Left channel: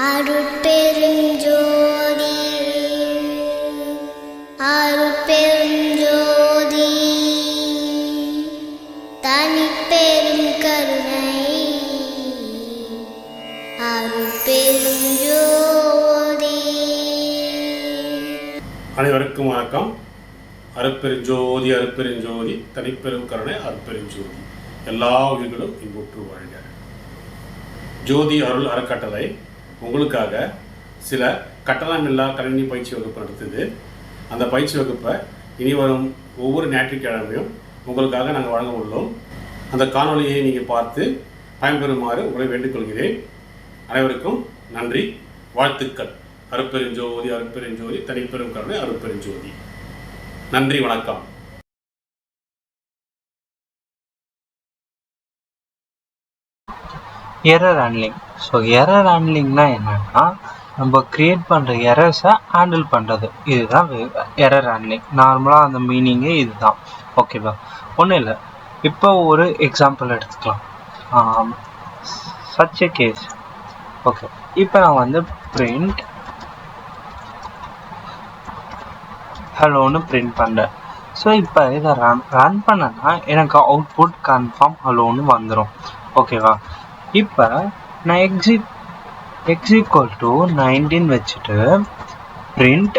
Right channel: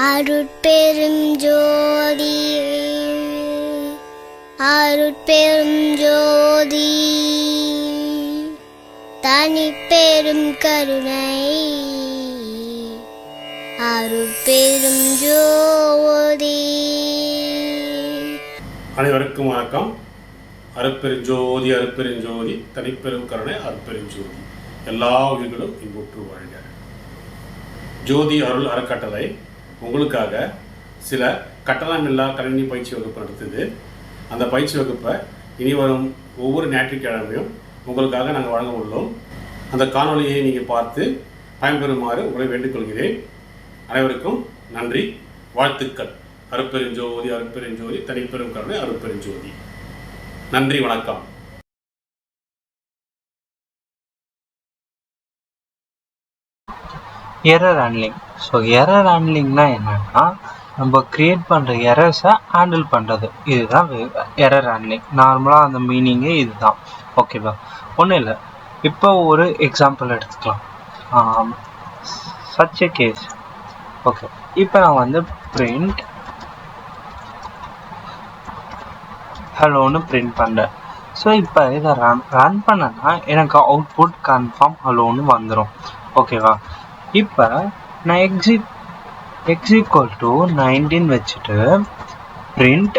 அருட்பெரும் ஜோதி அருட்பெரும் ஜோதி தனிப்பெரும் கருணை அருட்பெரும் ஜோதி. அனைவருக்கும் வணக்கம். அருட்பெருஞ்சோதி அருட்பெருஞ்சோதி தனிப்பெரும் கருணை அருட்பெருஞ்சோதி. எல்லா உயிர்களும் இன்புற்று வாழ்க. ஜோதி அருள் அறக்கட்டளை உங்களுக்காக சில கட்டணமில்லா கணினி பயிற்சி வகுப்பு நடத்துது. அந்த பயிற்சி வகுப்பை இனி வரும் ஒவ்வொரு ஞாயிற்றுக்கிழமையும் உங்களுக்காக நாங்கள் வழங்க உள்ளோம். அந்த காணொலியை நீங்கள் பார்த்து பயன்பெறுமாறு உங்களை வேண்டிக்கொள்கிறேன். அனைவருக்கும் நன்றி, வாழ்த்துக்கள். அருட்பெருஞ்சோதி அருட்பெருஞ்சோதி தனிப்பெரும் கருணை அருட்பெருஞ்சோதி. நன்றி, வணக்கம். Error handling. ஸோ எரர் ஹேண்ட்லிங்னா என்னன்னா, நம்ம கிரியேட் பண்ணுற எரர்ஸை ஹேண்டில் பண்ணுறது, இதுதான் எரர் ஹேண்ட்லிங். நார்மலாக அந்த மீனிங்கே இதுதான். ஓகேவா? ஒன்றும் இல்லை. இப்போ ஒரு எக்ஸாம்பிள் எடுத்துக்கலாம். Such a case. ஓகே, இப்போ நான் வந்து பிரிண்ட் ஹலோன்னு பிரிண்ட் பண்ணுறேன். ஸோ இப்போ இதை ரன் பண்ணனா எனக்கு அவுட்புட் கன்ஃபார்ம் ஹலோன்னு வந்துடும். ஓகேவா? இப்போ நான் equal to 19 வச்சுட்டு print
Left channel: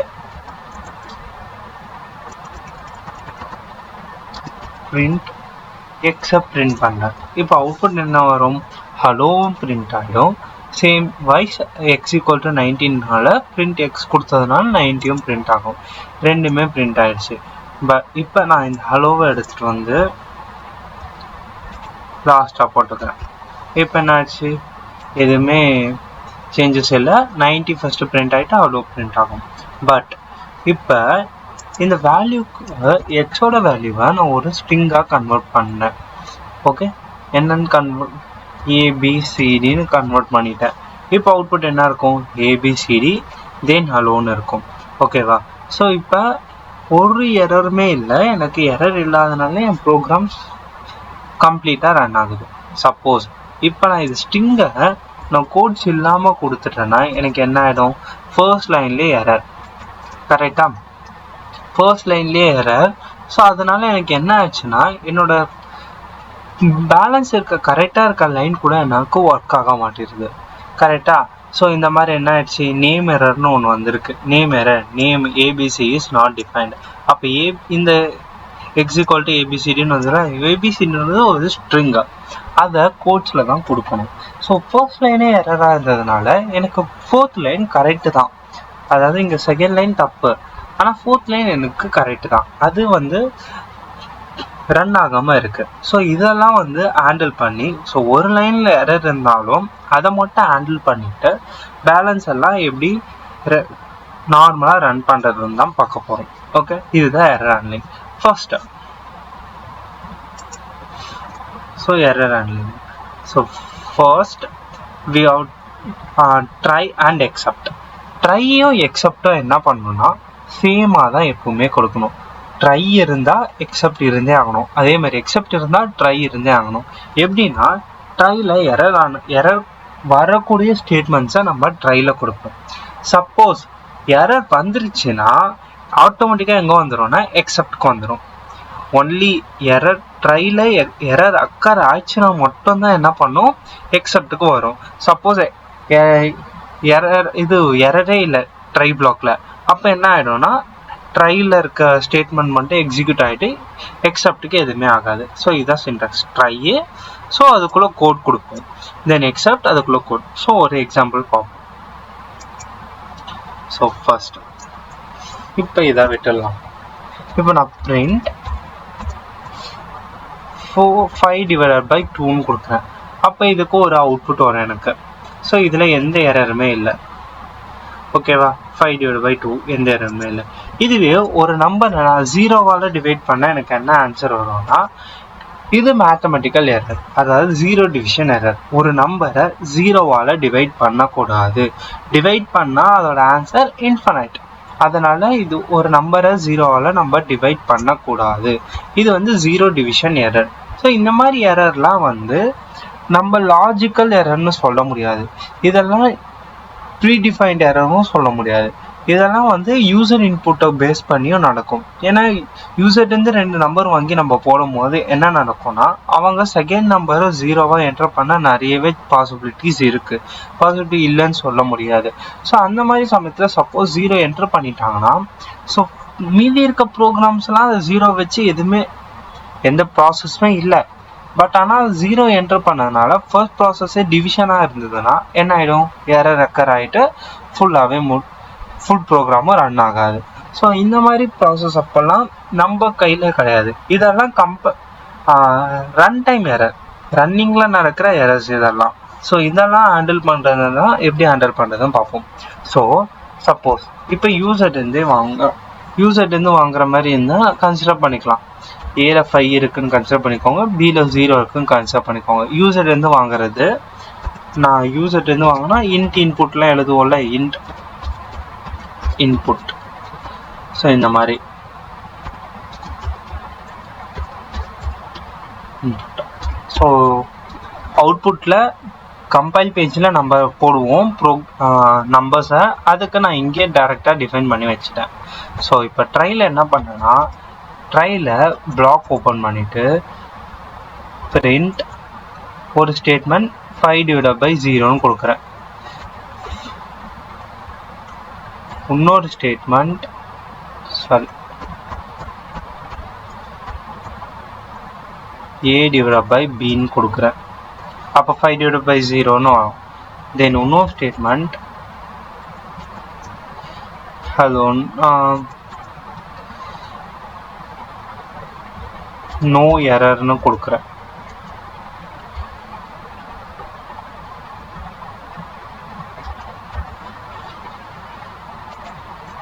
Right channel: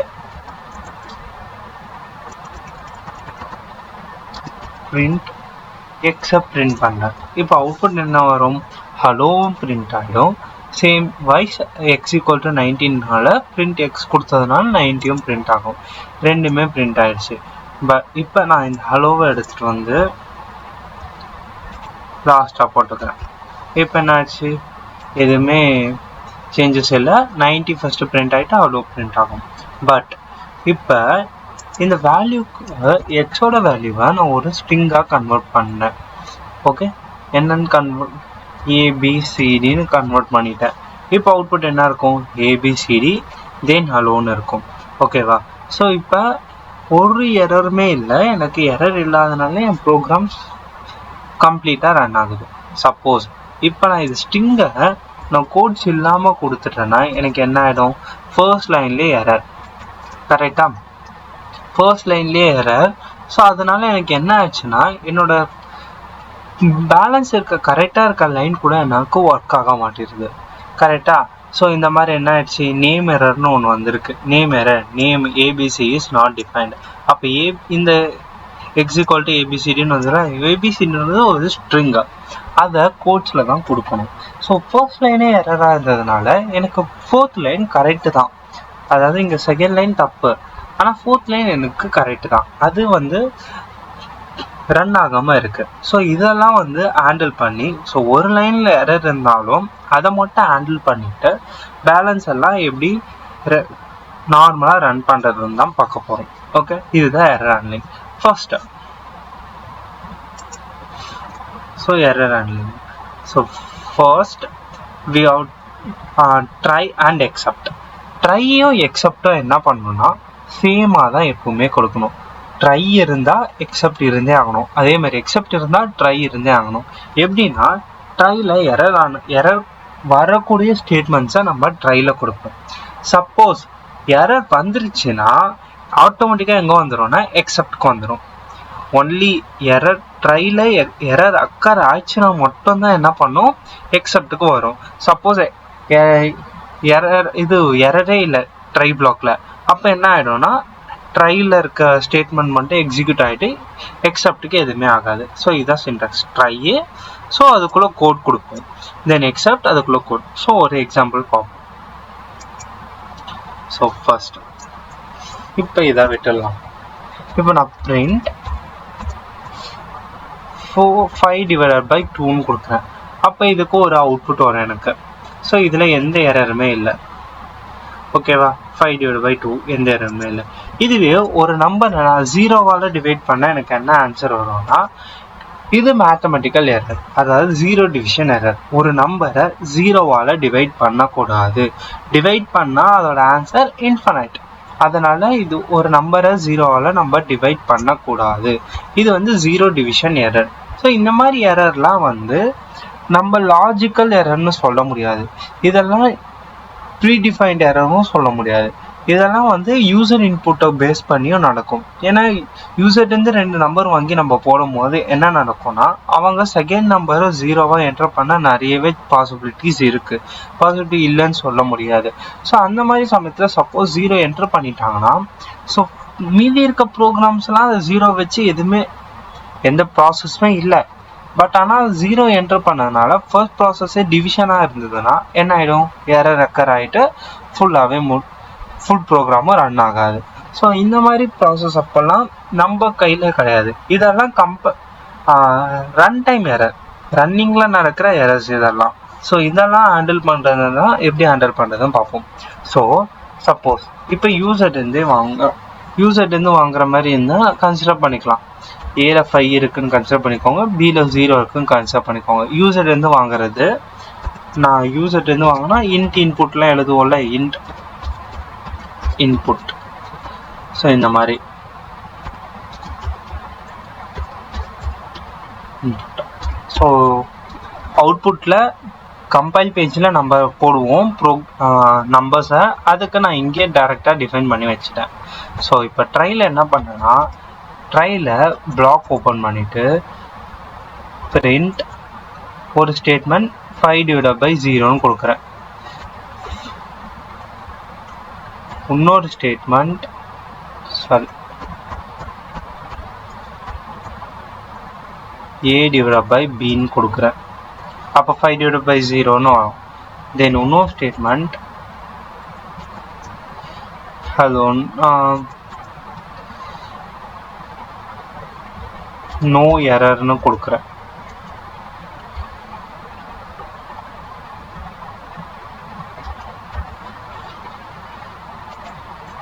except print பண்ணேன். இப்போ அவுட்புட் என்ன வரும்? ஹலோவும் பிரிண்ட் ஆகிடும். Same wise x equal to 19னால print x கொடுத்ததுனால 90யும் பிரிண்ட் ஆகும். ரெண்டுமே பிரிண்ட் ஆயிடுச்சு. இப்போ நான் இந்த ஹலோவை எடுத்துகிட்டு வந்து லாஸ்ட்டாக போட்டுக்கிறேன். இப்போ என்ன ஆச்சு? எதுவுமே சேஞ்சஸ் இல்லை. 90 ஃபஸ்ட்டு பிரிண்ட் ஆகிட்டு அவ்வளோ பிரிண்ட் ஆகும். பட் இப்போ இந்த வேல்யூக்கு எக்ஸோட வேல்யூவை நான் ஒரு ஸ்ட்ரிங்காக கன்வெர்ட் பண்ணேன். ஓகே, என்னன்னு ஏபிசிடின்னு கன்வெர்ட் பண்ணிட்டேன். இப்போ அவுட்புட் என்ன இருக்கும்? ஏபிசிடி தென் ஹலோன்னு இருக்கும். ஓகேவா? ஸோ இப்போ ஒரு எரருமே இல்லை. எனக்கு எரர் இல்லாதனால என் ப்ரோக்ராம் கம்ப்ளீட்டாக ரன் ஆகுது. சப்போஸ் இப்போ நான் இது ஸ்ட்ரிங்கை நான் கோட்ஸ் இல்லாமல் கொடுத்துட்டேன்னா எனக்கு என்ன ஆகிடும்? ஃபர்ஸ்ட் லைன்லேயே எரர். கரெக்டாக? ஃபர்ஸ்ட் லைன்லேயே எரர். ஸோ அதனால எனக்கு என்ன ஆச்சுன்னா, என்னோட பேலன்ஸ் கரெக்டாக இருக்க லைன் கூட எனக்கு ஒர்க் ஆக மாட்டேங்குது. கரெக்டாக? ஸோ இந்த மாதிரி என்ன ஆயிடுச்சு? நேம் எரர்னு ஒன்று வந்திருக்கு. Name error, name ABC is not defined. அப்போ இந்த எக்ஸ் ஈக்குவல் டு ஏபிசிடின்னு வந்துடும். ஏபிசிடின்றது ஒரு ஸ்ட்ரிங்கு, அதை கோட்ஸில் தான் கொடுக்கணும். ஸோ ஃபர்ஸ்ட் லைனே எரராக இருந்ததுனால எனக்கு ஃபோர்த் லைன் கரெக்டு தான். அதாவது இங்கே செகண்ட் லைன் தப்பு, ஆனால் ஃபோர்த் லைன் எனக்கு கரெக்டு தான். அது வந்து ரன் ஆகாமல் இருக்குது. ஸோ இதெல்லாம் வந்து ஹேண்டில் பண்ணி, ஸோ ஒரு லைனில் எரர் இருந்தாலும் அதை மட்டும் ஹேண்டில் பண்ணிவிட்டு பேலன்ஸ் எல்லாம் எப்படி நார்மலாக ரன் பண்ணுறதுன்னு தான் பார்க்க போகிறோம். ஓகே, இதுதான் error handling. First, so error handling. So first we have try and accept. ட்ரையும் எக்ஸப்டும் என்ன பண்ணணும்னா சேமாக தான் எப்பவுமே கொடுக்கணும். ட்ரை இருந்தால் எக்ஸப்ட் இருந்தே ஆகணும். அதே மாதிரி எக்ஸப்ட் இருந்தால் ட்ரை இருந்தே ஆகணும். எப்படின்னா, ட்ரையில் எரர் வரக்கூடிய ஸ்டேட்மெண்ட்ஸை நம்ம ட்ரையில் கொடுப்போம். சப்போஸ் எரர் வந்துருச்சுன்னா ஆட்டோமேட்டிக்காக எங்கே வந்துடும்னா எக்ஸப்டுக்கு வந்துடும். ஒன்லி எரர் ட்ரையில் எரர் அக்கர் ஆச்சுன்னா மட்டும்தான் என்ன பண்ணும்? எக்ஸப்டுக்கு வரும். சப்போஸ் எரரே இல்லை ட்ரை பிளாக்ல, அப்போ என்ன ஆகிடும்னா ட்ரையில் இருக்க ஸ்டேட்மெண்ட் மட்டும் எக்ஸிக்யூட் ஆகிட்டு எக்ஸப்டுக்கு எதுவுமே ஆகாது. ஸோ இதுதான் சின்டாக்ஸ். ட்ரையே, ஸோ அதுக்குள்ளே கோட் கொடுப்போம். தென் எக்ஸப்ட், அதுக்குள்ளே கோட். ஸோ ஒரு எக்ஸாம்பிள் பார்ப்போம். ஸோ ஃபர்ஸ்ட் இப்போ இதை விட்டுடலாம். இப்போ நான் பிரிண்ட் 5/2ன்னு கொடுக்குறேன். அப்போ இதுக்கு ஒரு அவுட்புட் வரும் எனக்கு. ஸோ இதில் எந்த எரருமே இல்லை. ஓகேவா? 5/2 எந்த எரருமே இல்லை. இதுவே ஒரு நம்பரை நான் 0வால் டிவைட் பண்ண எனக்கு என்ன ஆன்சர் வரும்னா, இது மேத்தமெட்டிக்கல் எரர், அதாவது 0 டிவிஷன் எரர். ஒரு நம்பரை 0வால் டிவைட் பண்ணக்கூடாது. டிவைட் பண்ணால் அதோட ஆன்சர் இன்ஃபனைட். அதனால இது ஒரு நம்பரை 0வால் நம்ம டிவைட் பண்ணக்கூடாது. இது வந்து 0 டிவிஷன் எரர். ஸோ இந்த மாதிரி எரர்லாம் வந்து நம்ம லாஜிக்கல் எரர்னு சொல்ல முடியாது. இதெல்லாம் ப்ரீடிஃபைன்ட் எரரும் சொல்ல முடியாது. இதெல்லாம் வந்து யூசர் இன்புட்டை பேஸ் பண்ணியும் நடக்கும். ஏன்னா யூசர்லேருந்து 2 நம்பர் வாங்கி நம்ம போடும் போது என்ன நடக்கும்னா, அவங்க செகண்ட் நம்பரை 0வா என்டர் பண்ண நிறையவே பாசிபிலிட்டிஸ் இருக்கு. பாசிபிலிட்டி இல்லைன்னு சொல்ல முடியாது. ஸோ அந்த மாதிரி சமயத்தில் சப்போஸ் 0 என்டர் பண்ணிட்டாங்கன்னா, ஸோ மீதி இருக்க ப்ரோக்ராம்ஸ்லாம் அதை 0 வச்சு எதுவுமே எந்த ப்ராசஸுமே இல்லை. பட் ஆனால் 0 என்டர் பண்ணதுனால ஃபர்ஸ்ட் ப்ராசஸே டிவிஷனாக இருந்ததுன்னா என்ன ஆகிடும், எரர் ரெக்கர் ஆகிட்டு ஃபுல்லாகவே ஃபுல் ப்ரோக்ராமும் ரன் ஆகாது. ஸோ இந்த மாதிரி ப்ராசஸ் அப்போல்லாம் நம்ம கையில் கிடையாது. இதெல்லாம் ரன் டைம் எரர், ரன்னிங்கில் நடக்கிற எரர்ஸ் இதெல்லாம். ஸோ இதெல்லாம் ஹேண்டில் பண்ணுறதுனா எப்படி ஹேண்டில் பண்ணுறதுன்னு பார்ப்போம். ஸோ சப்போஸ் இப்போ யூசர்லேருந்து வாங்குற மாதிரி இருந்தால் கன்சிடர் பண்ணிக்கலாம். ஏல 5 இருக்குன்னு கன்சிடர் பண்ணிக்கோங்க, பியில் 0 இருக்குன்னு கன்சிடர் பண்ணிக்கோங்க. யூசர்லேருந்து வாங்குறது, நான் யூசர்லேருந்து வாங்கினா இன்ட் இன்புட்லாம் எழுதுவோம்ல, இன்ட் இன்புட். ஸோ இந்த மாதிரி ஸோ அவுட்புட்டில் கம்பைல் பேஜில் நம்ம போடுவோம் நம்பர்ஸை. அதுக்கு நான் இங்கே டைரெக்டாக டிஃபைன் பண்ணி வச்சுட்டேன். ஸோ இப்போ ட்ரையில் என்ன பண்ணேன்னா, ட்ரையில் பிளாக் ஓப்பன் பண்ணிவிட்டு பிரிண்ட் ஒரு ஸ்டேட்மெண்ட் 5/0 கொடுக்குறேன். இன்னொரு ஸ்டேட்மெண்ட் a/b கொடுக்குறேன். அப்போ 5/0 வரும். தென் இன்னொரு ஸ்டேட்மெண்ட் ஹலோ நோ எரர்னு கொடுக்குறேன்.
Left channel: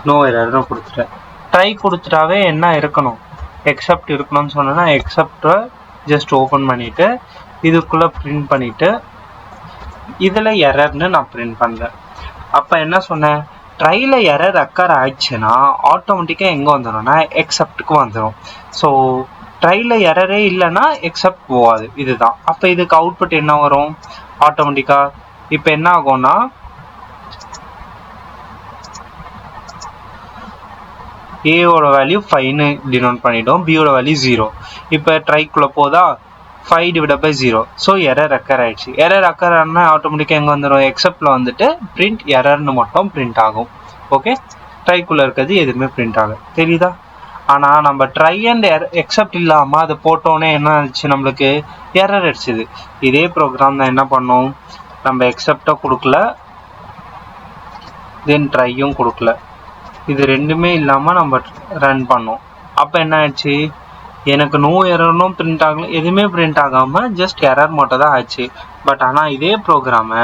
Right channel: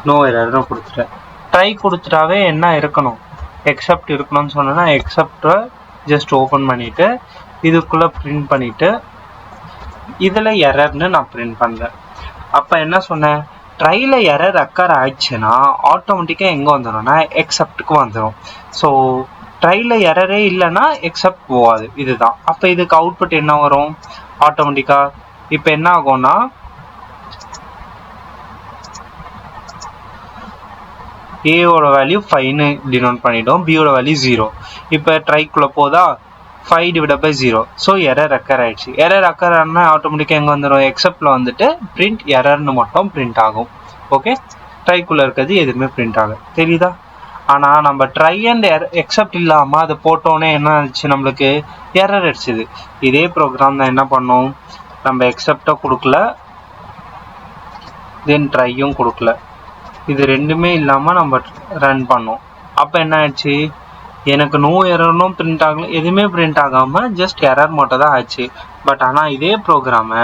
நோ எரர்னு கொடுத்துட்டேன். ட்ரை கொடுத்துட்டாவே என்ன இருக்கணும், எக்ஸப்ட் இருக்கணும்னு சொன்னேன்னா எக்ஸப்டை ஜஸ்ட் ஓப்பன் பண்ணிவிட்டு இதுக்குள்ளே பிரிண்ட் பண்ணிவிட்டு இதில் எரர்னு நான் பிரிண்ட் பண்ணுறேன். அப்போ என்ன சொன்னேன், ட்ரையில் எரர் அக்கர் ஆயிடுச்சுன்னா ஆட்டோமேட்டிக்காக எங்கே வந்துடும்னா எக்ஸப்ட்டுக்கு வந்துடும். ஸோ ட்ரையில் எரரே இல்லைன்னா எக்ஸப்ட் போகாது. இதுதான். அப்போ இதுக்கு அவுட்புட் என்ன வரும் ஆட்டோமேட்டிக்காக. இப்போ என்ன ஆகும்னா, ஏயோட வேல்யூ 5ன்னு டினோட் பண்ணிட்டோம், பியோட வேல்யூ 0. இப்போ ட்ரைக்குள்ளே போதா 5/0. ஸோ எரர் அக்கர் ஆயிடுச்சு. எரர் அக்கர் ஆனால் ஆட்டோமேட்டிக்காக எங்கே வந்துடும், எக்ஸப்டில் வந்துட்டு பிரிண்ட் எரர்னு மட்டும் பிரிண்ட் ஆகும். ஓகே, ட்ரைக்குள்ளே இருக்கிறது எதுவுமே பிரிண்ட் ஆகும். தெரியுதா? ஆனால் நம்ம ட்ரை அண்ட் எக்ஸப்ட் இல்லாமல் அதை போட்டோன்னே என்ன ஆச்சு, நம்மளுக்கு எரர் அடிச்சுது. இதே ப்ரோக்ராம் தான் என்ன பண்ணோம், நம்ம எக்ஸப்டை கொடுக்கல, தென் ட்ரையும் கொடுக்கல, இது ரெண்டுமே இல்லாமல் நம்ம ரன் பண்ணோம். அப்போ என்ன ஆயிடுச்சு, எனக்கு நோ எரர்னும் பிரிண்ட் ஆகல, எதுவுமே பிரிண்ட் ஆகாமல் ஜஸ்ட் எரர் மட்டும் தான் ஆச்சு. பட் ஆனால் இதே ப்ரோக்ராமை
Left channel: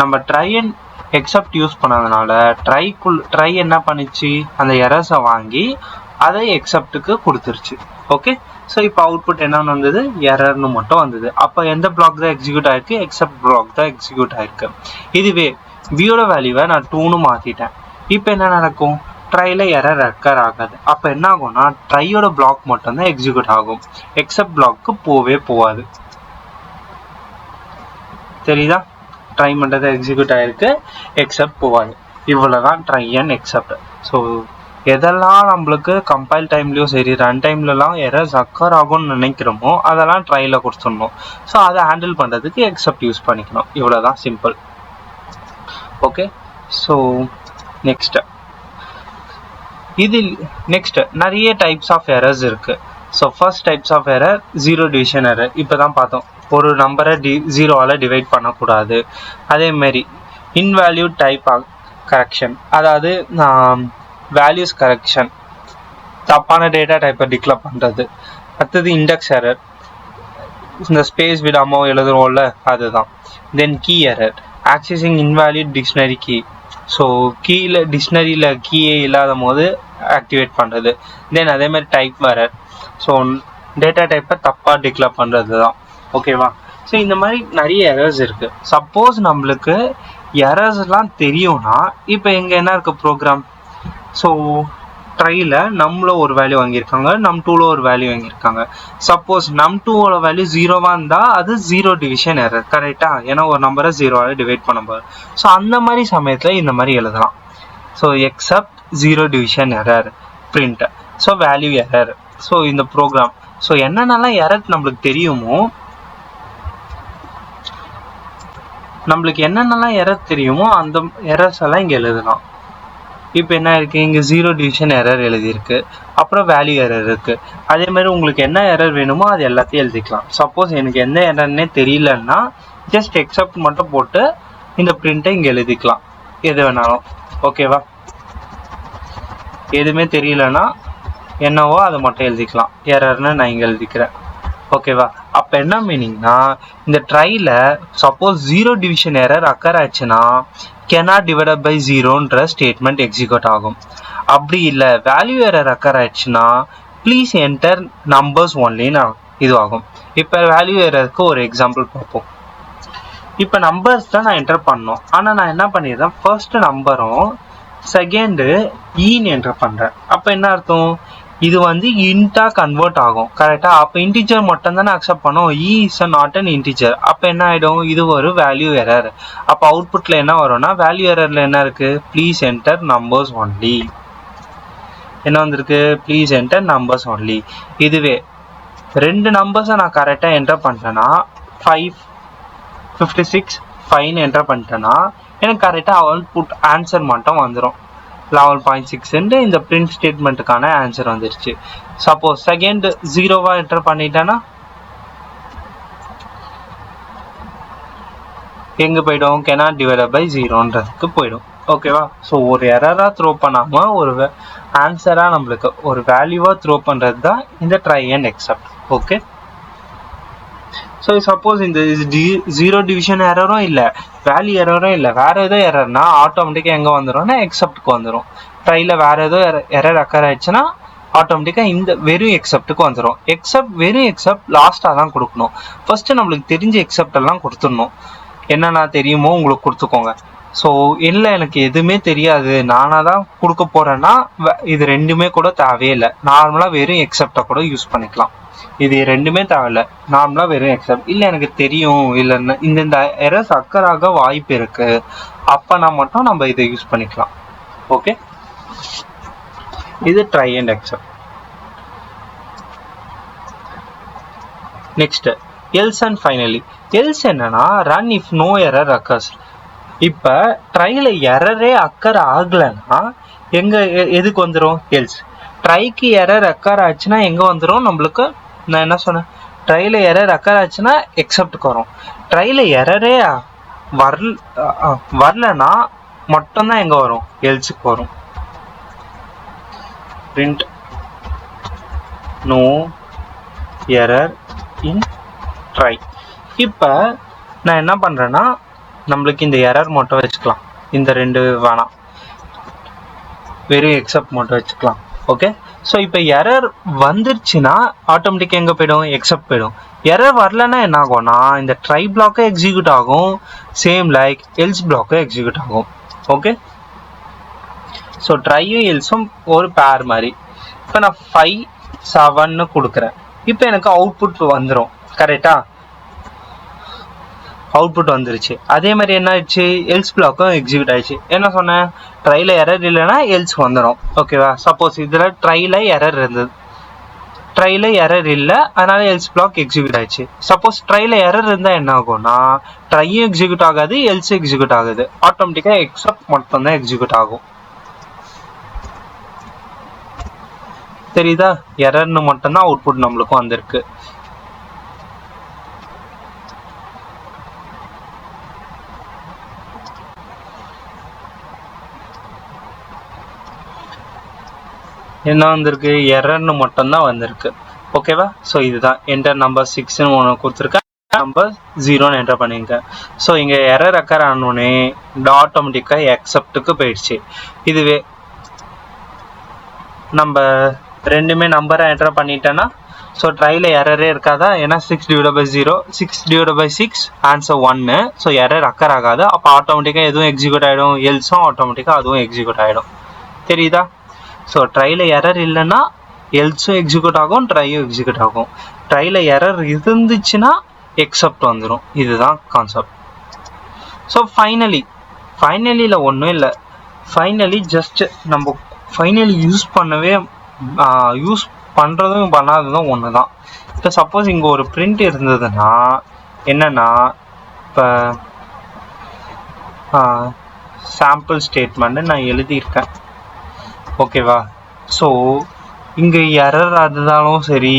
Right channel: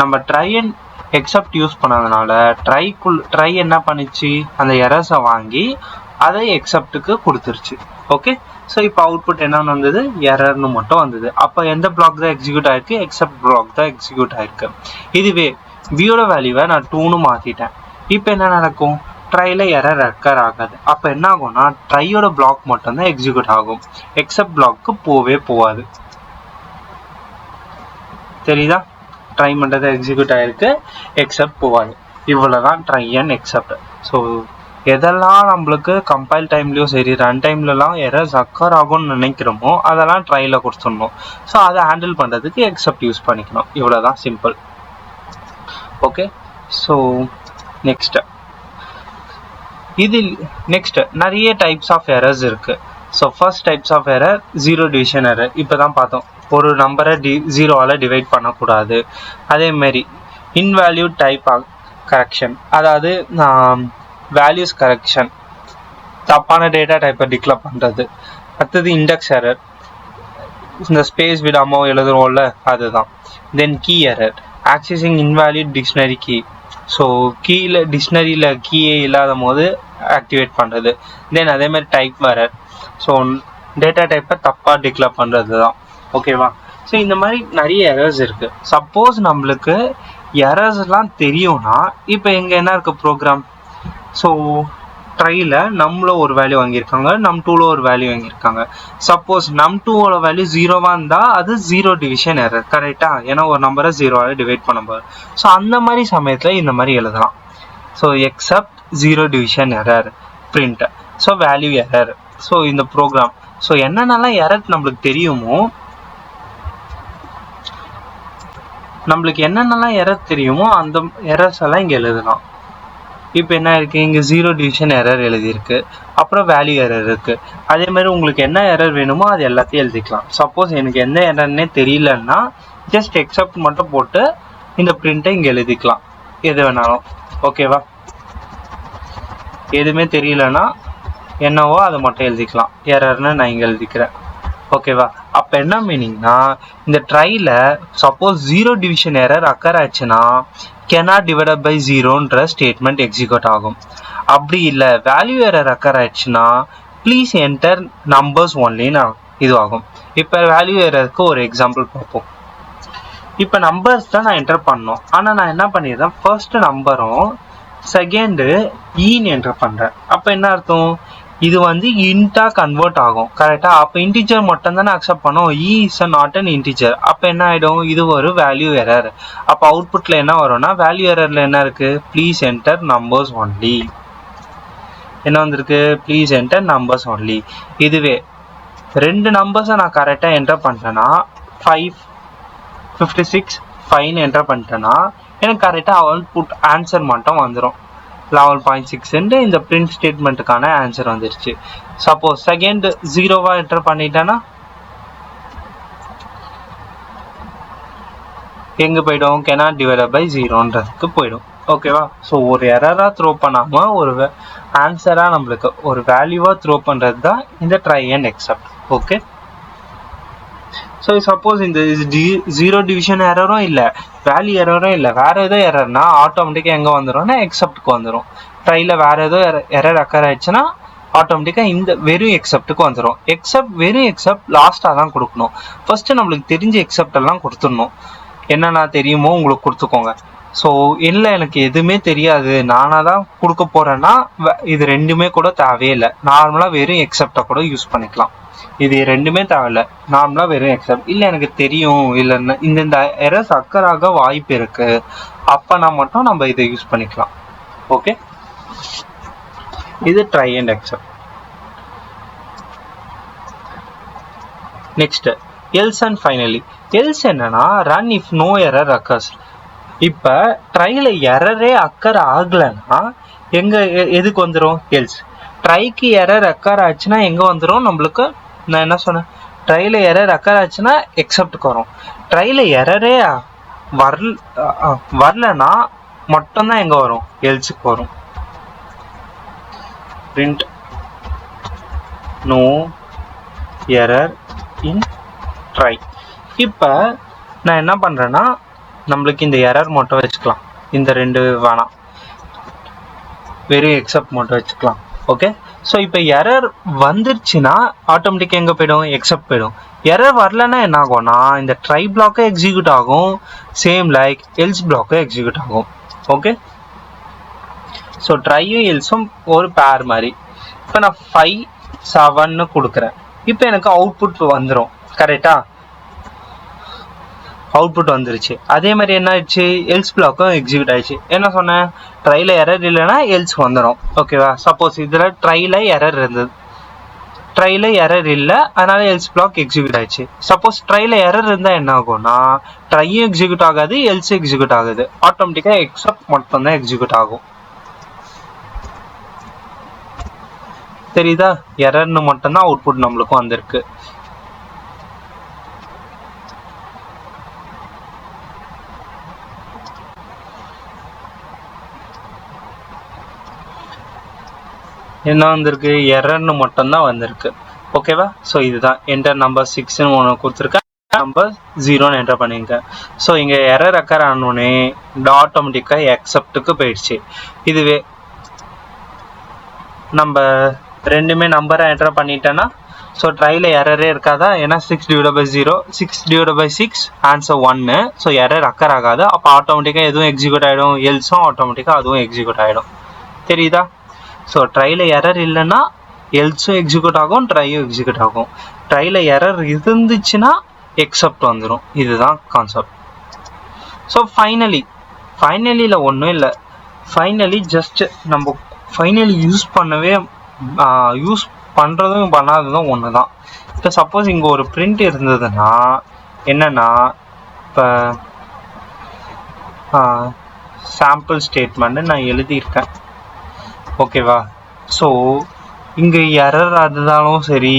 நம்ம ட்ரை அண்ட் எக்ஸப்ட் யூஸ் பண்ணதுனால ட்ரை என்ன பண்ணிச்சு, அந்த எரர்ஸை வாங்கி அதை எக்ஸப்ட்டுக்கு கொடுத்துருச்சு. ஓகே, ஸோ இப்போ அவுட்புட் என்னன்னு வந்தது, எரர்னு மட்டும் வந்தது. அப்போ எந்த பிளாக் தான் எக்ஸிக்யூட் ஆயிருக்கு, எக்ஸப்ட் பிளாக் தான் எக்ஸிக்யூட் ஆயிருக்கு. இதுவே வியோட வேல்யூவை நான் 2ன்னு மாற்றிட்டேன். இப்போ என்ன நடக்கும், ட்ரையில் எரர் அக்கர் ஆகாது. அப்போ என்ன ஆகும்னா ட்ரையோட பிளாக் மட்டும்தான் எக்ஸிக்யூட் ஆகும், எக்ஸப்ட் பிளாக்கு போகாது. தெரியுதா? ட்ரை மட்டும் தான் எக்ஸிக்யூட் ஆகிருக்கு, எக்ஸப்ட் போகாது. இவ்வளோதான் ட்ரை அண்ட் எக்ஸப்ட். ஸோ எதெல்லாம் நம்மளுக்கு கம்பைல் டைம்லேயும் சரி ரன் டைம்லலாம் எரர்ஸ் அக்கர் ஆகும்னு நினைக்கிறோமோ அதெல்லாம் ட்ரையில் கொடுத்துடணும். ஸோ அதை ஹேண்டில் பண்ணுறதுக்கு எக்ஸப்ட் யூஸ் பண்ணிக்கணும். இவ்வளோதான், சிம்பிள். ஓகே, ஸோ நெக்ஸ்ட் நிறைய டைப்ஸ் ஆஃப் எரர்ஸ் இருக்கு. So first types of error 0 division error. இப்போ தான் பார்த்தோம், ஒரு நம்பரை 0வால் டிவைட் பண்ணக்கூடாது. அதேமாரி இன்வேல்யூ டைப் கரெக்ஷன், அதாவது வேல்யூஸ் கரெக்ஷன், தப்பான டேட்டா டைப்பை டிக்ளேர் பண்ணுறது. அடுத்தது இண்டெக்ஸ் எரர், இந்த ஸ்பேஸ் விடாமல் எழுதுறோம்ல அதுதான். Then key error, accessing invalid dictionary key. So கீயில் டிக்ஷனரியில் கீயே இல்லாத போது ஆக்டிவேட் பண்ணுறது. தென் அதேமாதிரி டைப் எரர், ஸோ டேட்டா டைப்பை தப்பாக டிக்ளேர் பண்ணுறது தான். ஓகேவா? ஸோ இந்த மாதிரி நிறைய எரர்ஸ் இருக்குது. சப்போஸ் நம்மளுக்கு எரர்ஸ்லாம் தெரியும்னா இப்போ இங்கே என்ன இருக்குது ப்ரோக்ராம், ஸோ ட்ரையில் நம்ல ஒரு வேல்யூ வாங்கியிருக்காங்க, num2ல ஒரு வேல்யூ வாங்கியிருக்காங்க. சப்போஸ் num2ஓட வேல்யூ 0வா இருந்தால் அது 0 டிவிஷன் எரர், கரெக்டா? ஏன்னா ஒரு நம்பரை 0வால டிவைட் பண்ணும்போது. ஸோ அந்த மாதிரி சமயத்தில் இந்த மாதிரி எழுதலாம். So accept 0 division error print. So value error. So இந்த ப்ரோக்ராம் ஸோ என்னென்னலாம் எரர் நம்மளுக்கு தெரியுமோ, நம்மளுக்கு என்னென்னலாம் எரர் தெரியுமோ அந்த எரர்ஸ் எல்லாம் இங்கே எழுதலாம். இப்போ என்ன இருக்குது, இங்கே 0 டிவிஷன் எரர் எழுதியிருக்கு, அப்புறம் வேல்யூ எரர் இருக்குது. அதே மாதிரி உங்களுக்கு என்ன எரர் வேணுமோ அது எல்லாத்தையும் எழுதிக்கலாம். சப்போஸ் எனக்கு எந்த எரர்னே தெரியலன்னா ஜஸ்ட் எக்ஸப்ட் மட்டும் போட்டு இந்த பிரிண்ட்டை இங்கே எழுதிக்கலாம், எது வேணாலும். ஓகேவா? எதுவுமே தெரியலன்னா என்னவோ அதை மட்டும் எழுதிக்கலாம், எரர்னு நான் இங்கே எழுதிக்கிறேன். ஓகேவா? அப்போ என்ன மீனிங்னா, இந்த ட்ரையில் சப்போஸ் 0 டிவிஷன் எரர் அக்கர் ஆச்சுன்னா cannot divided by 0ன்ற ஸ்டேட்மெண்ட் எக்ஸிக்யூட் ஆகும். அப்படி இல்லை வேல்யூ எரர் அக்கர் ஆச்சுன்னா ப்ளீஸ் என்டர் நம்பர்ஸ் ஒன்லின்னு இது ஆகும். இப்போ வேல்யூ எரருக்கு ஒரு எக்ஸாம்பிள் பார்ப்போம். இப்போ நம்பர்ஸ் தான் நான் என்டர் பண்ணோம், ஆனால் நான் என்ன பண்ணிடுறேன், ஃபர்ஸ்ட் நம்பரும் செகண்டு ஈன்னு என்டர் பண்ணுறேன். அப்போ என்ன அர்த்தம், இது வந்து இன்ட்டாக கன்வெர்ட் ஆகும், கரெக்டாக? அப்போ இன்டிஜர் மட்டும் தானே அக்செப்ட் பண்ணோம், இ இஸ் நாட் அன் இன்டிஜர். அப்போ என்ன ஆகிடும், இது ஒரு வேல்யூ எரர். அப்போ அவுட்புட்டில் என்ன வரும்னா, வேல்யூ எரரில் என்ன இருக்குது, ப்ளீஸ் என்டர் நம்பர்ஸ் ஒன்லி. என்ன வந்திருக்கு, ப்ளீஸ் என்டர் நம்பர்ஸ் ஒன்லி. இதுவே 2 நம்பர்ஸை நான் கரெக்டாக என்டர் பண்ணிட்டேன்னா 56 5 என்டர் பண்ணிட்டேன்னா எனக்கு கரெக்டாக அவுட்புட் ஆன்சர் மட்டும் வந்துடும் 11.6 இந்த பிரிண்ட் ஸ்டேட்மெண்ட்டுக்கான ஆன்சர் வந்துருச்சு. சப்போஸ் செகண்ட் 0வா என்டர் பண்ணிட்டேன்னா எங்கே போயிடும், cannot divided by 0ன்றதுக்கு போயிடும். ஓகேவா? ஸோ ஒரு எரராக த்ரோ பண்ணாமல் ஒரு ஆன்சராக நம்மளுக்கு ஒரு வேல்யூவாக த்ரோ பண்ணுறது தான் இந்த try and accept. Okay, so suppose இந்த 0 டிவிஷன் எரரும் இல்லை, வேல்யூ எரரும் இல்லை, வேறு ஏதோ எரர்னா ஆட்டோமேட்டிக்காக எங்கே வந்துடும்னா எக்ஸப்ட்டுக்கு வந்துடும். ட்ரையில் வேறு ஏதோ எரர் அக்கர் ஆயிடுச்சுன்னா ஆட்டோமேட்டிக்காக இந்த வெறும் எக்ஸப்ட்டுக்கு வந்துடும். வெறும் எக்ஸப்ட் லாஸ்ட்டாக தான் கொடுக்கணும். ஃபர்ஸ்ட்டு நம்மளுக்கு தெரிஞ்ச எக்ஸப்ட் எல்லாம் கொடுத்துடணும். என்னென்ன தெரியுமோ உங்களுக்கு கொடுத்துக்கோங்க. ஸோ இல்லை எனக்கு எதுவுமே தெரியாது நானாக தான் கொடுக்க போகிறேன்னா இது ரெண்டுமே கூட தேவையில்லை, நார்மலாக வெறும் எக்ஸப்டை கூட யூஸ் பண்ணிக்கலாம். இது ரெண்டுமே தேவையில்லை, நார்மலாக வெறும் எக்ஸப்ட். இல்லை எனக்கு தெரியும், இல்லைன்னா இந்த எரர்ஸ் அக்கராக வாய்ப்பு இருக்கு, அப்போனா மட்டும் நம்ம இதை யூஸ் பண்ணிக்கலாம். ஓகே, இது try and except. Next else and finally. Else என்னன்னா run if no error occurs. இப்போ ட்ரையில் எரரே அக்கர் ஆகலைன்னா எதுக்கு வந்துடும், எல்ஸ். ட்ரைக்கு எரர் அக்கர் ஆச்சுன்னா எங்கே வந்துடும் நம்மளுக்கு, நான் என்ன சொன்னேன், ட்ரையில் எரர் அக்கர் ஆச்சுன்னா எக்ஸப்ட்டுக்கு வரும். ட்ரையில் எரரே வரலன்னா மட்டும்தான் எங்கே வரும், எல்ஸுக்கு வரும். Print no error in try. இப்போ நான் என்ன பண்ணுறேன்னா நம்மளுக்கு இந்த எரர் மட்டும் வச்சுக்கலாம், இந்த ரெண்டு வேணாம், வெறும் எக்ஸப்ட் மட்டும் வச்சுக்கலாம். ஓகே, ஸோ இப்போ எரர் வந்துருச்சுன்னா ஆட்டோமேட்டிக்காக எங்கே போயிடும், எக்ஸப்ட் போயிடும். எரர் வரலன்னா என்ன ஆகும்னா இந்த ட்ரை பிளாக்கும் எக்ஸிக்யூட் ஆகும், சேம் லைக் எல்ஸ் பிளாக்கும் எக்ஸிக்யூட் ஆகும். ஓகே, ஸோ ட்ரையும் எல்ஸும் ஒரு பேர் மாதிரி. இப்போ நான் 5 7ன்னு கொடுக்குறேன். இப்போ எனக்கு அவுட்புட் வந்துடும், கரெக்டா? அவுட்புட் வந்துருச்சு. அதே மாதிரி என்ன ஆயிடுச்சு, எல்ஸ் பிளாக்கும் எக்ஸிக்யூட் ஆயிடுச்சு. என்ன சொன்னேன், ட்ரையில் எரர் இல்லைன்னா எல்ஸ் வந்துடும். ஓகேவா? சப்போஸ் இதில் ட்ரையில் எரர் இருந்தது, ட்ரையில் எரர் இல்லை, அதனால எல்ஸ் பிளாக் எக்ஸிக்யூட் ஆயிடுச்சு. சப்போஸ் ட்ரையில் எரர் இருந்தால் என்ன ஆகும்னா ட்ரையும் எக்ஸிக்யூட் ஆகாது, எல்ஸும் எக்ஸிக்யூட் ஆகுது, ஆட்டோமேட்டிக்காக எக்ஸப்ட் மட்டும்தான் எக்ஸிக்யூட் ஆகும். தெரியுதா? எரர்னு மட்டும்தான் அவுட்புட் நம்மளுக்கும் வந்திருக்கு. என்ன வந்திருக்கு, எரர்னு மட்டும்தான் வந்திருக்கு. ஓகேவா? ஸோ இதுதான் என்டர் நம்பர் 6ன்னு ஒன்று கொடுத்துருக்கேன், நம்பர் 0ன்னு என்டர் பண்ணியிருக்கேன். ஸோ இங்கே எரர் அக்கர் ஆனோடனே ஆட்டோமேட்டிக்காக எக்ஸப்ட்டுக்கு போயிடுச்சு. இதுவே நம்ம ரெண்டுமே நம்பரை என்டர் பண்ணிட்டேன்னா ஸோ ட்ரையில் எரரே இருக்காதா, ஏன்னா 6/0 6/6 ஆன்சர் 1. ஸோ எரர் அக்கர் ஆகாது, அப்போ ஆட்டோமேட்டிக்காக எதுவும் எக்ஸிக்யூட் ஆகிடும், எல்ஸும் ஆட்டோமேட்டிக்காக அதுவும் எக்ஸிக்யூட் ஆகிடும். தெரியுதா? ஸோ ட்ரையில் எரர் இல்லைன்னா எல்ஸும் எக்ஸிக்யூட் ஆகும், ட்ரையும் எக்ஸிக்யூட் ஆகும். ட்ரையில் எரர் இருந்துச்சுன்னா எக்ஸப்ட் வந்துடும். இதுதான் கான்செப்ட். ஸோ ஃபைனலியில் ஒன்றும் இல்லை. ஃபைனலி ஜஸ்ட் நம்ம ஃபைனலி யூஸ் பண்ணுறதும் பண்ணாததும் ஒன்று தான். இப்போ சப்போஸ் இங்கே ஒரு பிரிண்ட் இருந்ததுன்னா என்னென்னா, இப்போ சாம்பிள் ஸ்டேட்மெண்ட்டு நான் எழுதியிருக்கேன், ஓகேவா? ஸோ இங்கே எரர் இருந்தாலும் சரி,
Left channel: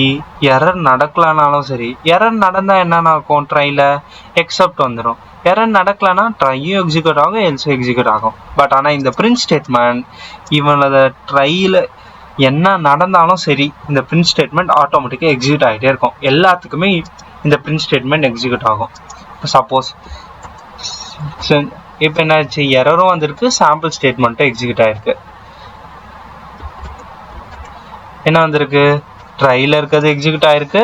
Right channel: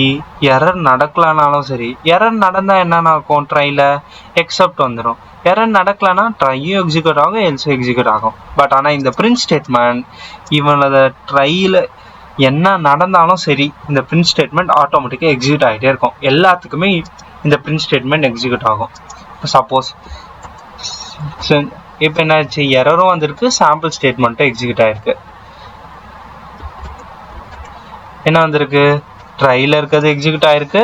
எரர் நடக்கலனாலும் சரி, எரர் நடந்தால் என்ன நடக்கும்? ட்ரையில் எக்ஸப்ட் வந்துடும். எரர் நடக்கலன்னா ட்ரையும் எக்ஸிக்யூட் ஆகும், எல்ஸும் எக்ஸிக்யூட் ஆகும். பட் ஆனால் இந்த பிரிண்ட் ஸ்டேட்மெண்ட் இவனோட ட்ரையில் என்ன நடந்தாலும் சரி, இந்த பிரிண்ட் ஸ்டேட்மெண்ட் ஆட்டோமேட்டிக்காக எக்ஸிக்யூட் ஆகிட்டே இருக்கும். எல்லாத்துக்குமே இந்த பிரிண்ட் ஸ்டேட்மெண்ட் எக்ஸிக்யூட் ஆகும். சப்போஸ் இப்போ என்ன ஆச்சு, எரரும் வந்திருக்கு, சாம்பிள் ஸ்டேட்மெண்ட்டும் எக்ஸிக்யூட் ஆகிருக்கு. என்ன வந்திருக்கு? ட்ரையில் இருக்கிறது எக்ஸிக்யூட் ஆகிருக்கு,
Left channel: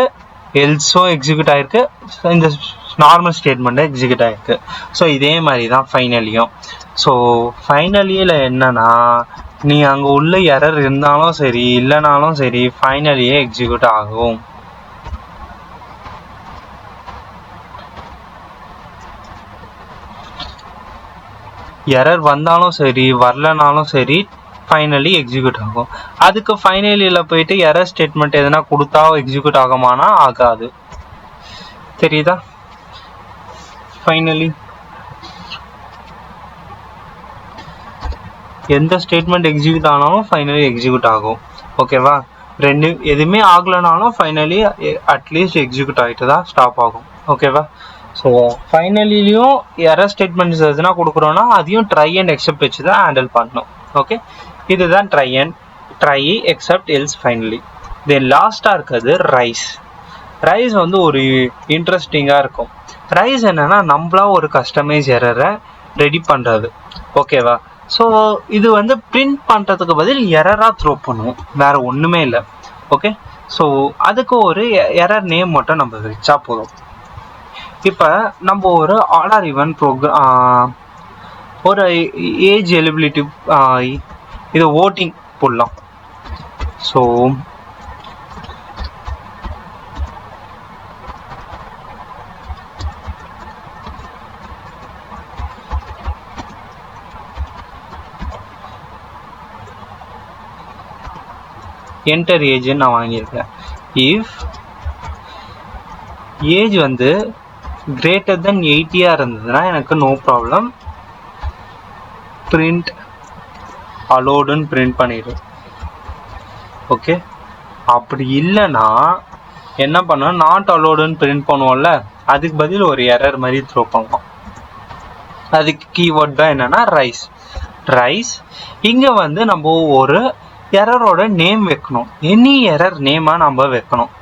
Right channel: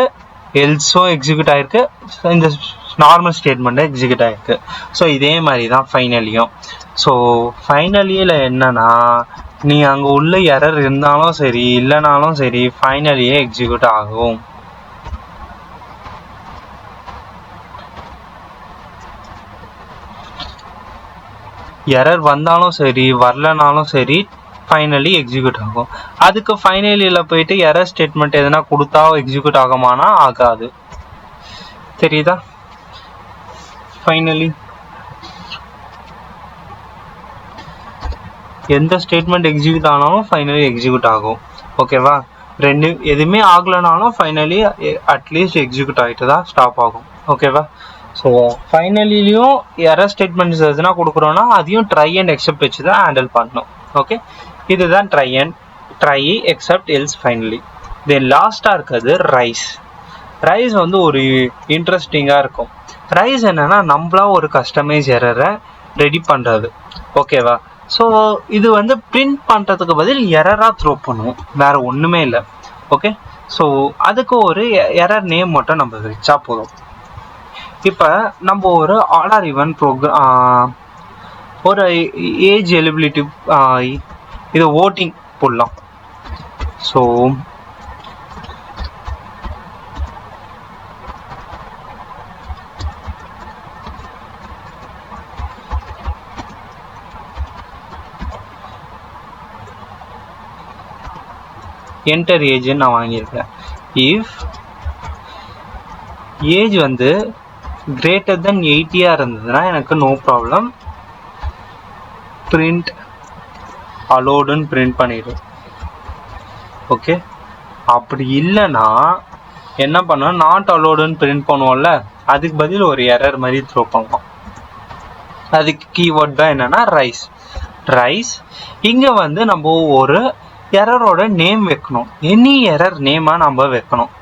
எல்ஸும் எக்ஸிக்யூட் ஆகிருக்கு, இந்த நார்மல் ஸ்டேட்மெண்ட்டும் எக்ஸிக்யூட் ஆகிருக்கு. ஸோ இதே மாதிரி தான் ஃபைனலியும். ஸோ ஃபைனலியில் என்னன்னா, நீ அங்கே உள்ள எரர் இருந்தாலும் சரி இல்லைனாலும் சரி, ஃபைனலியே எக்ஸிக்யூட் ஆகும். எரர் வந்தாலும் சரி வரலனாலும் சரி, ஃபைனலி எக்ஸிக்யூட் ஆகும். அதுக்கு ஃபைனலியில் போயிட்டு எரர் ஸ்டேட்மெண்ட் எதனா கொடுத்தா எக்ஸிக்யூட் ஆகுமானா ஆகாது. தெரியுதா? ஃபைனலி எந்த ஸ்டேட்மெண்ட் எக்ஸிக்யூட் ஆனாலும் ஃபைனலி எக்ஸிக்யூட் ஆகும். ஓகேவா? ரெண்டு எதுவுமே ஆகலைனாலும் ஃபைனலி அட்லீஸ்ட் எக்ஸிக்யூட் ஆகிட்டு தான் ஸ்டாப் ஆகும். ஓகேவா? ஸோ ஃபைனலிலையும் எரர் ஸ்டேட்மெண்ட்ஸ் எதுனா கொடுக்குறோன்னா அதையும் ட்ரை அண்ட் எக்ஸப்ட் வச்சு தான் ஹேண்டில் பண்ணணும். ஓகே, இதுதான் ட்ரை எக்ஸப்ட் எல்ஸ் ஃபைனலி. தென் லாஸ்ட்டாக இருக்கிறது ரைஸ். ரைஸ் வந்து ஒரு இன்ட்ரெஸ்டிங்காக இருக்கும். ரைஸ் என்னன்னா நம்மளா ஒரு கஸ்டமைஸ் எரரை ரெடி பண்ணுறது. ஓகேவா? ஸோ இது வந்து பிரிண்ட் பண்ணுறதுக்கு பதில் எரராக த்ரோ பண்ணுவோம், வேறு ஒன்றுமே இல்லை. ஓகே, ஸோ அதுக்கு ஒரு எரர் நேம் மட்டும் நம்ம வச்சா போதும். இப்போ நம்ம ஒரு ஆர்டர் ஈவன் ஒரு ஏஜ் எலிபிலிட்டி இது ஓட்டிங் போடலாம். ஸோ என்டர் ஏஜ்ன்னு நான் வாங்கியிருக்கேன். இஃப் ஏஜ் வந்து greater than 80 இருந்ததுன்னா எனக்கு நோ ப்ராப்ளம், பிரிண்ட் அலோடுன்னு பிரிண்ட் பண்ணிடும். ஓகே, அப்படி இல்லைன்னா என்ன பண்ணோம், நாட் அலோடுன்னு பிரிண்ட் பண்ணுவோம்ல, அதுக்கு பதில் ஒரு எரர் மாதிரி த்ரோ பண்ணுவோம். அதுக்கு கீவேர்ட் தான் என்னன்னா ரைஸ். இங்கே வந்து நம்ம ஒரு எரரோட நேம் வைக்கணும். எனி எரர் நேமாக நம்ம வைக்கணும்.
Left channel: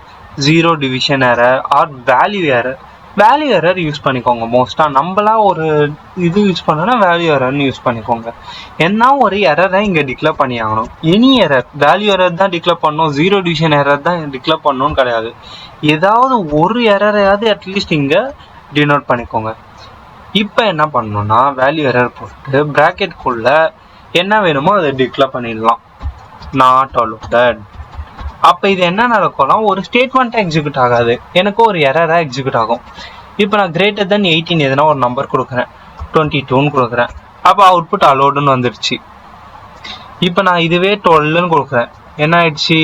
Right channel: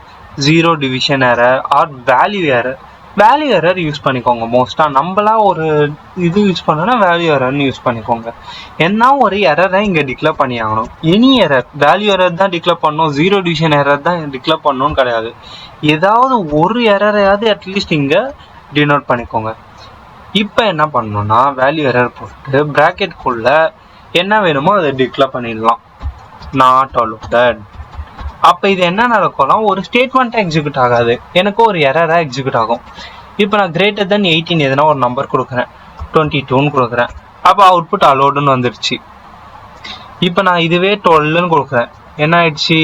0 division error R value error use பண்ணிக்கோங்க. மோஸ்ட்டாக நம்மளா ஒரு இது யூஸ் பண்ணோன்னா வேல்யூ எரர்னு யூஸ் பண்ணிக்கோங்க. என்ன ஒரு எரரை இங்கே டிக்ளேர் பண்ணி ஆகணும். எனி எரர், வேல்யூ எரர் தான் டிக்ளேர் பண்ணணும், 0 டிவிஷன் எரர் தான் டிக்ளேர் பண்ணணும்னு கிடையாது. ஏதாவது ஒரு எரரையாவது அட்லீஸ்ட் இங்கே டினோட் பண்ணிக்கோங்க. இப்போ என்ன பண்ணணும்னா வேல்யூ எரர் போட்டு ப்ராக்கெட்குள்ள என்ன வேணுமோ அதை டிக்ளேர் பண்ணிடலாம், நாட் அலோடட். அப்போ இது என்ன நடக்கும்னா ஒரு ஸ்டேட்மெண்ட்டாக எக்ஸிக்யூட் ஆகாது, எனக்கு ஒரு எரராக எக்ஸிக்யூட் ஆகும். இப்போ நான் greater than 18 எதுனா ஒரு நம்பர் கொடுக்குறேன், 22ன்னு கொடுக்குறேன். அப்போ அவுட்புட் அலோடுன்னு வந்துடுச்சு. இப்போ நான் இதுவே 12ன்னு கொடுக்குறேன், என்ன ஆயிடுச்சு,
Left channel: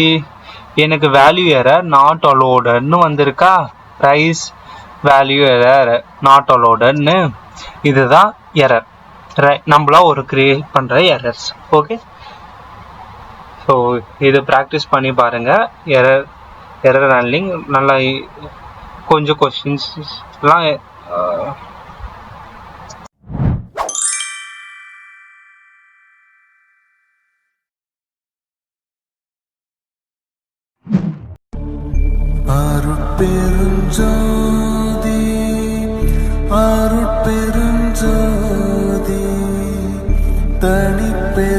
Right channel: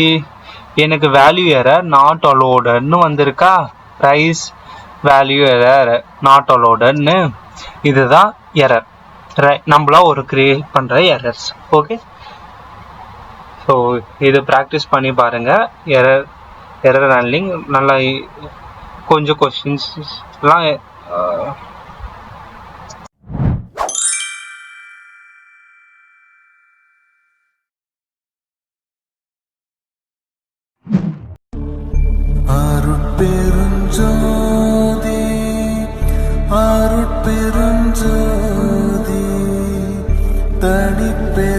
எனக்கு வேல்யூ எரர் நாட் அலோடன்னு வந்திருக்கா. ரைஸ் வேல்யூ எரர் நாட் அலோடன்னு, இதுதான் எரர். நம்மளா ஒரு கிரியேட் பண்ணுற எரர்ஸ். ஓகே, ஸோ இது ப்ராக்டிஸ் பண்ணி பாருங்கள். எரர் ஹேண்ட்லிங் நல்லா கொஞ்சம் கொஸ்டின்ஸ்லாம் அருட்பெருஞ்சோதி அருட்பெருஞ்சோதி தனிப்பெரும்